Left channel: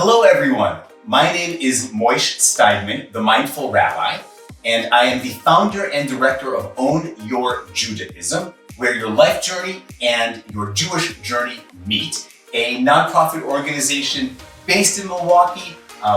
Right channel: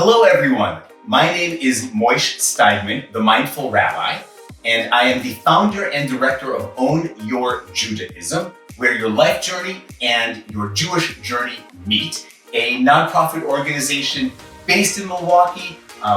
Hello, everyone. My name is Moish Steidman, the Mindful Rabbi, and I am the founder and director of Own Your Judaism, where your life journey and your Jewish journey meet, a nonprofit organization based in Milwaukee.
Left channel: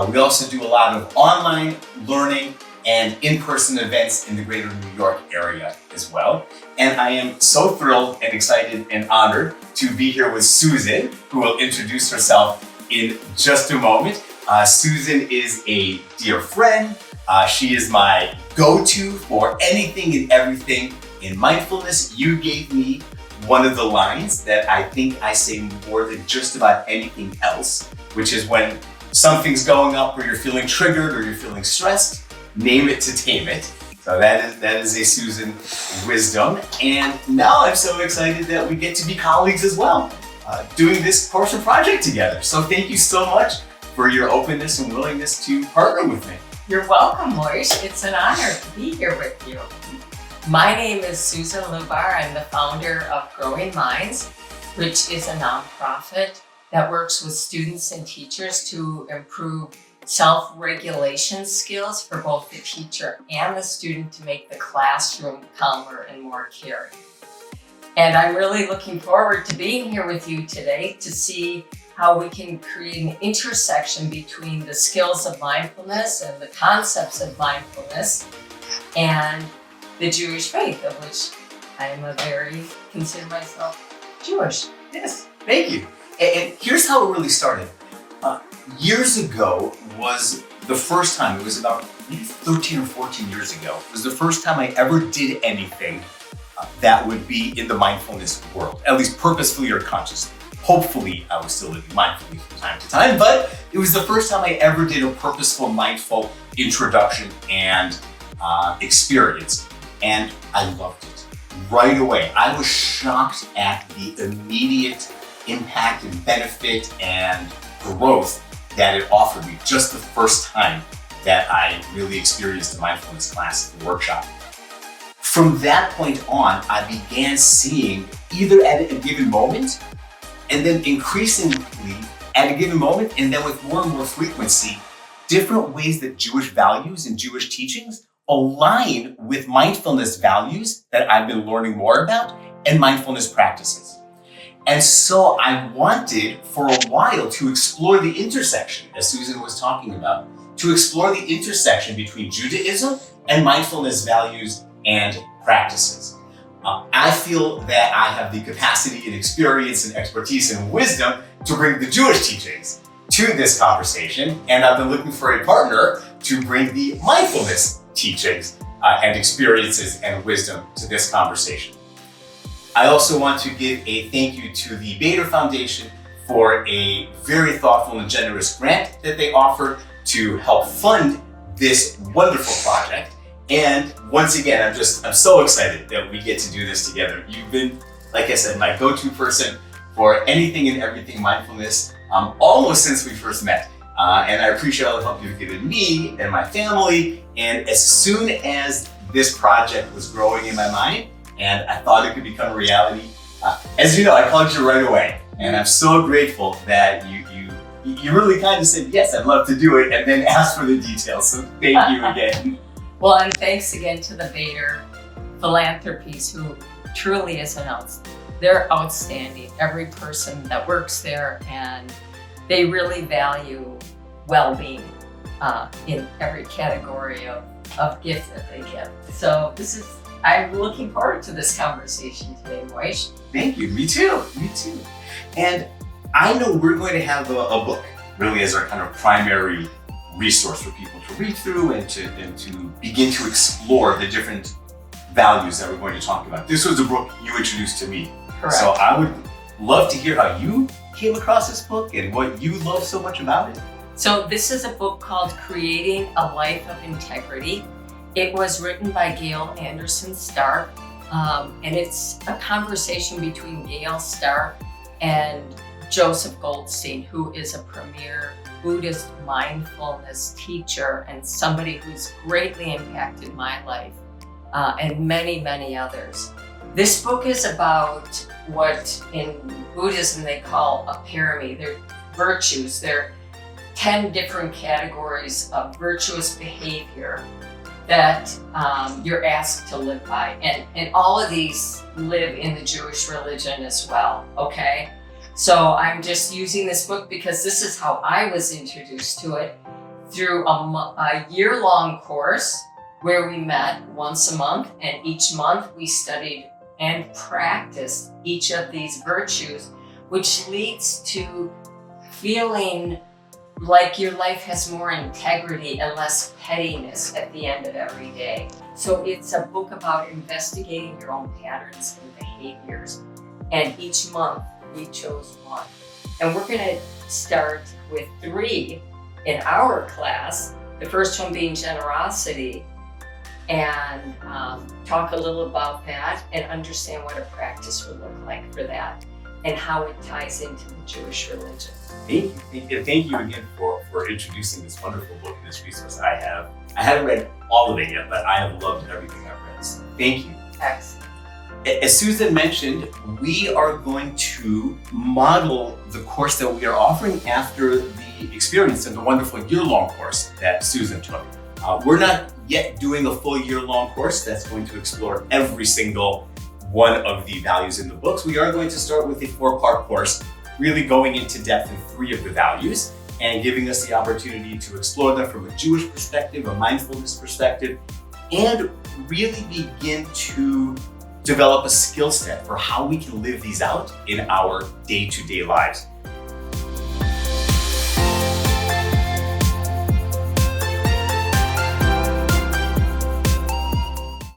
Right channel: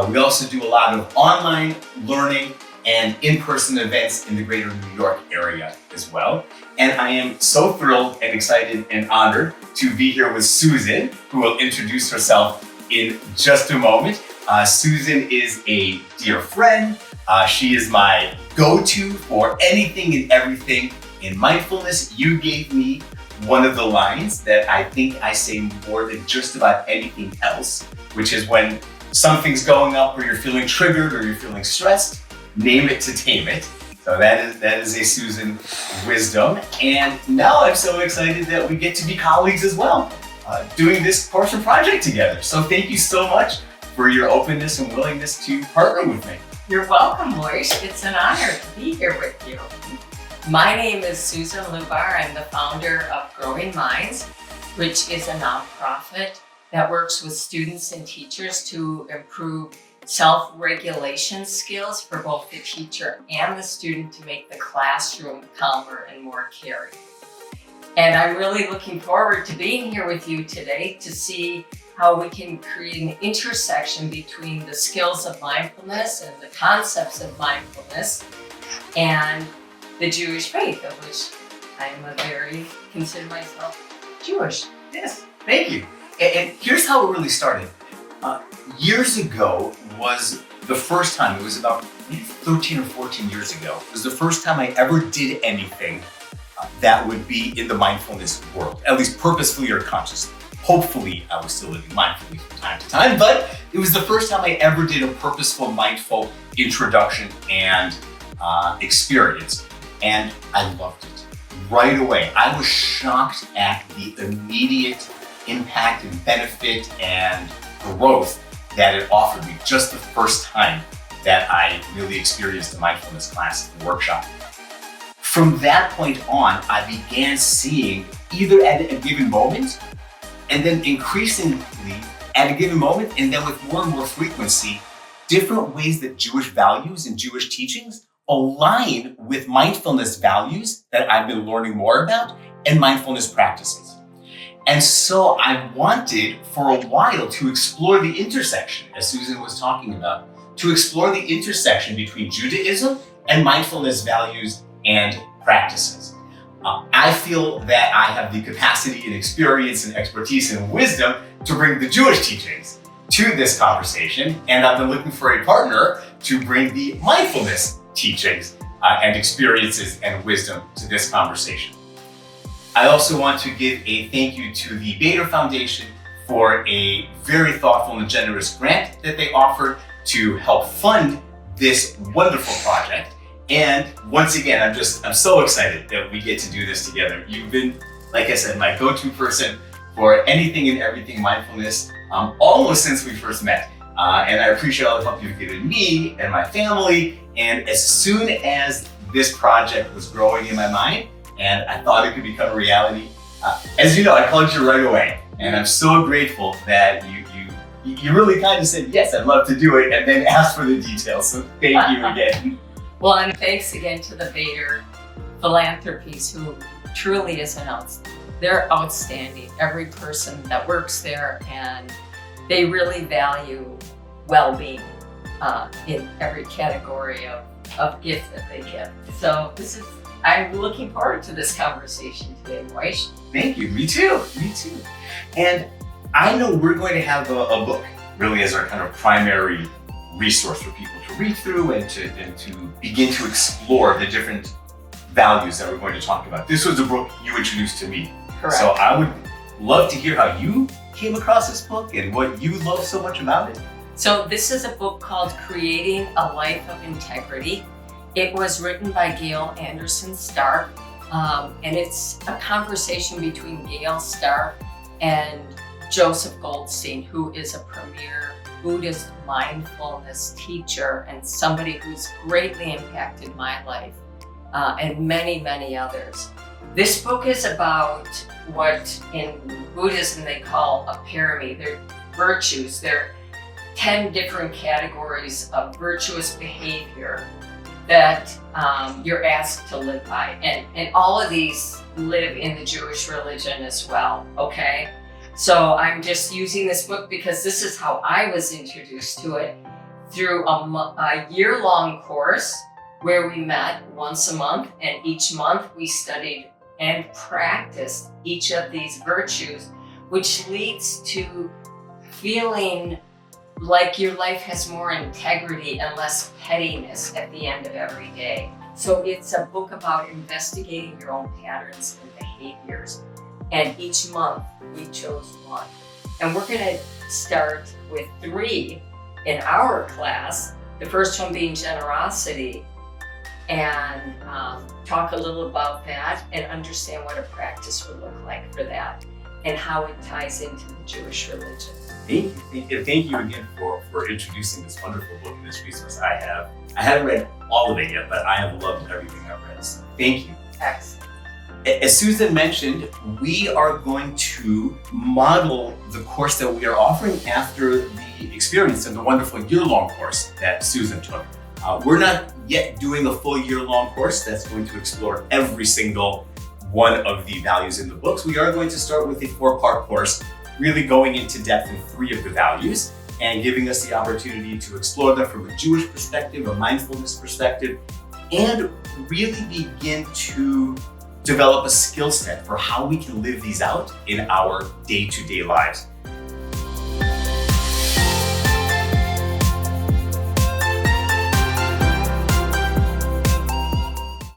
We also do a lot of online learning and in-person events in the greater New York area as well. And I am so thrilled and excited and honored to be here with Susan, who will introduce herself in just a moment. Susan is a dear friend. She is my go-to for anything and everything in mindfulness. You gave me one of the lines that I think I say more than just about anything else, which is when something's going up or you're feeling triggered or you're feeling stressed, name it to tame it. So that is a Susan wisdom. And now I'm so excited that we get to be colleagues as well, doing this course and project together. So thank you so much for your openness and willingness to partner with me. You're welcome, Moish. It's an honor to be here with you. My name is Susan Lubar. I'm the founder of Growing Minds, which is a nonprofit that works with students and teachers to improve self-regulation skills for both the teacher and the student to make the classroom calmer and more caring. And I'm really looking forward to being here with you today to see how we can create an intersection between the skills of mindfulness and the concepts of mindfulness and the Jewish faith, of which I am consider myself Jewish. Yes, thank you. And here's how it really started. Years ago was the first time, it was about 13 or 14 years ago, it was the first time I ever did anything that would be in the mindfulness world, at least purposefully or consciously. Hopefully, I was still living mindfully from time to time, but it was the first time I ever did a purposeful, mindful introduction and experience, and I loved it right away. I was shocked at the immediate impact and benefit and growth that it offered me just the first time that I really experienced the mindfulness class and workshop. From that point on, I began seeing either at a given moment and then increasingly at a given moment and then with more and more frequency, different ways that Jewish values and Jewish teachings align with mindfulness values that I've been learning more about and mindfulness practices. And so I wanted for a while to explore the intersection, as Susan was talking about, to explore the intersection between Judaism and mindfulness values and practices. I feel that I have the capacity and experience and expertise and wisdom to bring the Jewish teachings to this conversation, and I've been looking for a partner to bring the mindfulness teachings and experiences and wisdom to this conversation. I also want to give a thank you to the Bader Foundation for a very thoughtful and generous grant that they offered to help fund this wonderful project. And once again, I'm so excited that we get to do this together. You've been, like I said, my go-to person for anything and everything mindfulness, almost since we first met. And I appreciate all the help you've given me and my family. And as soon as this project was growing in my mind, and I thought it could become a reality, as you know, I called you right away. And I'm so grateful that you really kind of said, yes, I'd love to do it, and then asked for the details. So thank you again. Well, and thanks again to the Bader Philanthropies, who truly is they're outstanding. Every person that works there, and they really value well-being in every category of gift that they give. So I'm looking forward to this conversation today, Moish. Thank you. Me too. And I know we're going to have a book really as our kind of primary resource for people to read through and to begin to explore the different values that we're going to talk about. This was a book you introduced to me. Correct. So I would love to hear how you came across this book and what you love so much about it. So this is a book called Creating a Life of Integrity. It was written by Gail Anderson Stark, and it's a conversation between Gail Stark and Joseph Goldstein, who is a premier Buddhist mindfulness teacher and somebody who's greatly impacted my life and many, many others. This book is about what in Buddhism they call a parami. They're virtues. They're 10 different categories of virtuous behavior that you're asked to live by. And all of these live in the Jewish religion as well, okay? So I'm just using this book because this is how I was introduced to it, through a year-long course where we met once a month, and each month we studied and practiced each of these virtues, which leads to feeling like your life has more integrity and less pettiness at the end of every day. So it's a book about investigating your own patterns and behaviors. And each month we chose one. And we're gonna start with 3 in our class. The first one being generosity, and talk a little about that and understand what a practice would look like for that and how it ties into the Jewish religion. Thank you again for introducing this wonderful book and this resource. I haven't read all of it yet, but I have loved everything I've read. So thank you. Excellent. As Susan mentioned, we are going to model the course that we are offering after the experience of the wonderful year-long course that Susan took. We're not yet doing a full year-long course that's going to explore every single one of the values in the books. We are going to start with a 4-part course, really going into depth in 3 of the values and giving us the opportunity to explore them from a Jewish perspective, a mindfulness perspective, and really begin to develop a skill set for how we can live these out in our day-to-day lives.